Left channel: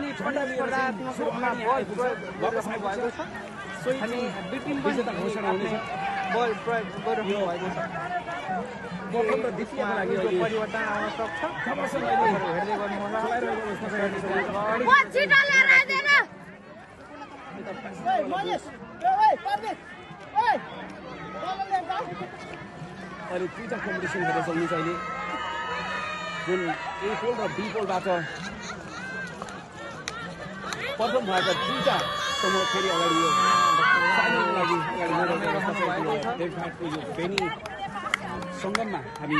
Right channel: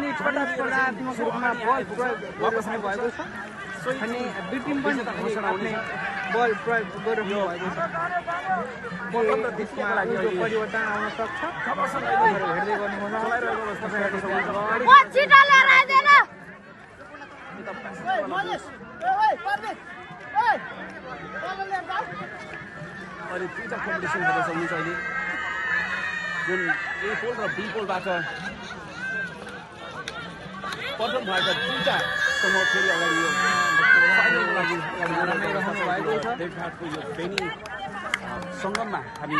अलि छोटा वापस आइपुग्छ अनि बिटिम पनि घोषणा हुने बल प्रयोग गरियो मतलब त्यसको लागि परिवर्तन आवश्यक छ हेर्दै गर्ने अहिले दुईटा कम्पिटिसन हुँदैछ यो चाहिँ जुन ए पोल र बी पोलबाट प्रथम भएका दुईटा समूह फेरि अगाडि यो बेनी सङ्गममा हामी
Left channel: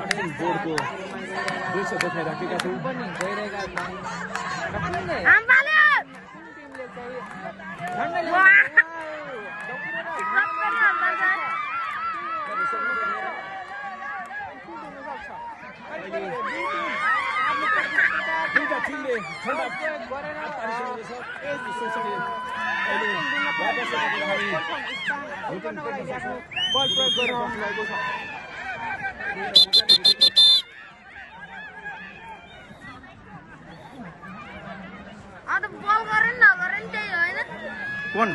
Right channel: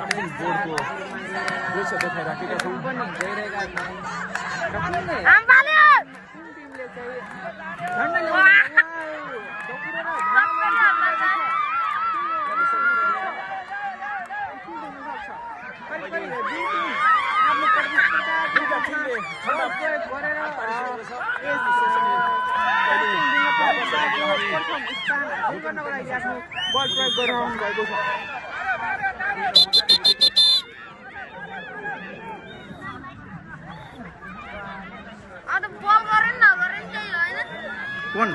रनिङ बोर्डको दृश्य देखाइराखेका छौँ कौन